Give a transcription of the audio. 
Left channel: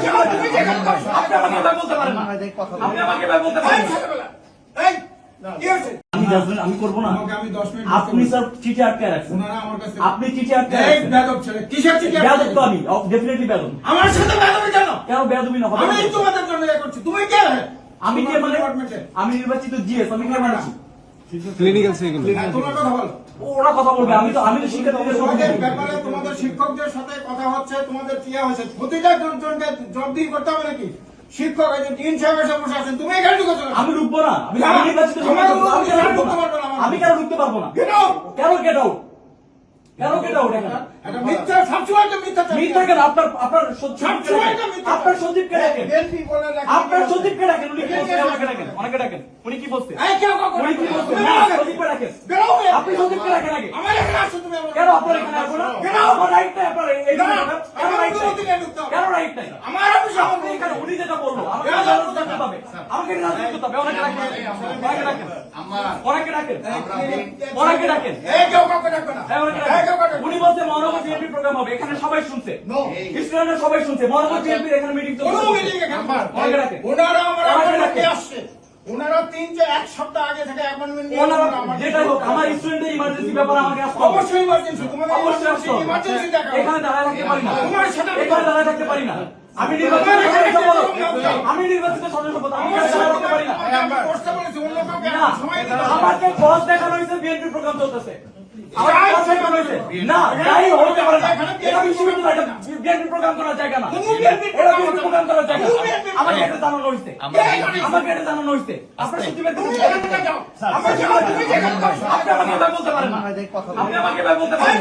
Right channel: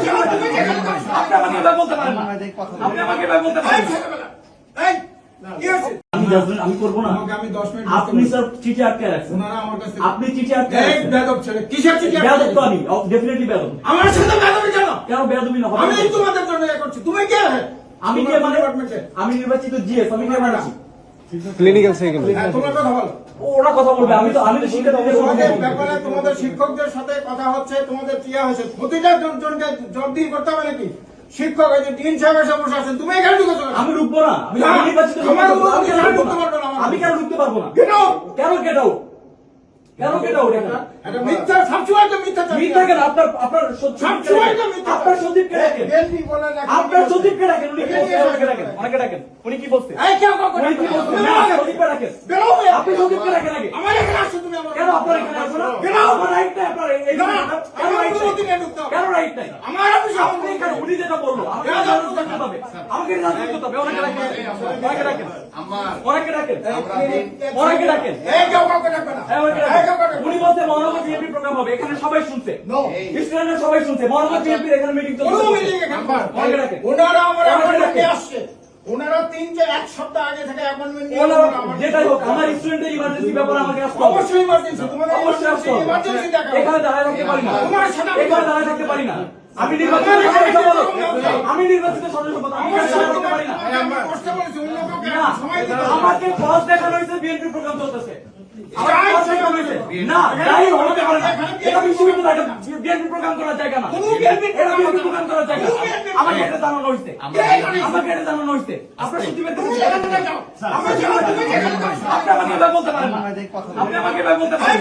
আপনি আমাকে এবার বলতে পারেন না আপনি আমাকে এবার বলতে পারেন না। এই, কি হয়েছে? আমি যাবো- না আমাকে আমি দশ মিনিট আপনি স্যার চিঠি আটকে রাখছেন। ওনারা আমার কাছে আপনি চিঠি আটকে এই রাখছেন। বেদব ছেলে, কিসের চিঠি আটকে তো আমি ডেফিনেটলি বেদব আমার সাথে বেদবি কেন? কেন বেদবি না আমি তোমাদের জন্য করছি। তুমি কে? আমি কে মানে? আমি নির্বাচিত জিএস আমি কে মানেছি? ক্লিনিক্যাল সেকেন্ড তোমরা কথা বলো। ওরা কথা বলবে আমি তো আমি তো ব্যাপারে তোমাদের শিক্ষকদের সাথে কথা হচ্ছে তোমাদের কি হয়েছে প্রতিটা জনকে জব্দি করতে হবে নাকি? শিক্ষক এই যে ডিন সাহেব এসে বসে আছেন তুমি এখানে কেন? আমি ঢুকবো না। আমি কেন ঢুকতে না? পারবে না। আমি কেন ঢুকতে পারব না? কেন! কেন কেন কেট আউট এখানে এটা মিথ্যা সবসময় তো মিথ্যা মিথ্যা কেন আপনার আপনার সবসময় তো মিথ্যা। আপনার সচিবকে ডাকেন বিএনপি বলে নাকি- ডাকেন উনি কি বলছে আমাকে ডাকেন অনেকে ডাকেন উনি কি বলছে এই কেউ কাউকে উনি কি ডাকবে না। না সচিবকে ডাকেন বেরো বে। আপনি সচিবকে ডাকেন আগে আমার এখানে আসছো তুমি আমার- কেন আপনার এখানে আসব না কেন আমার রাইট নাই আপনার এই- এই না, আমার রাইট নাই? কেন রাইট নাই উনি যেটা বলল আমাকে জানাতে হবে আমাকে জানাতে থাকতে হবে ওনাকে ডাকেন ওনাকে ডাকেন ওনাকে ডাকেন ওনাকে ডাকেন এই কেউ কাউকে ডাকবে না। হ্যাঁ, ওনাকে এই কেউ কাউকে ডাকেন। ডাকবে উনি না। বলছে মহানগর বিএনপি প্রোগ্রাম হবে এখানে সবাই শুনছে. স্টুডেন্টরা সবাই শুনছে। মহানগর বিএনপির এখানে মিটিং চলছে। ওনারা আমার। আসছে। ওনারা তিন যে এক সপ্তাহ আগে থেকে আমার- যেটাই হোক আমার স্টুডেন্টের ইমার্জেন্সি ব্যাপারে আমাকে আসতে অবশ্যই emergency, তোমাদের অবশ্যই আসতে হবে। এখানে দাঁড়ায় থাকতে পারি না। তোমার সাথে আমি- এখানে দাঁড়ায় থাকতে পারি না। আমি নির্বাচিত আমি নির্বাচিত সদস্য পদ আমি থাকতে পারি না। আমাকে বস দেখানো হয়েছে বিএনপি প্রোগ্রাম চলতেছে। না তাই হতে পারে না। এটা বিশ্ববিদ্যালয় এটা বিএনপি প্রোগ্রাম করার জায়গা না। এটা বিএনপি প্রোগ্রাম করার জায়গা। না। কোনো BNP আমাকে এটা জানানো হয়েছে। আমাকে এটা জানানো হয়েছে। আপনার সচিবের তুমি এখান থেকে যাও। আমার সামনে তুমি এখানে যাও। আপনি আমাকে এবার বলতে পারেন না। আপনি আমাকে এবার বলতে পারেন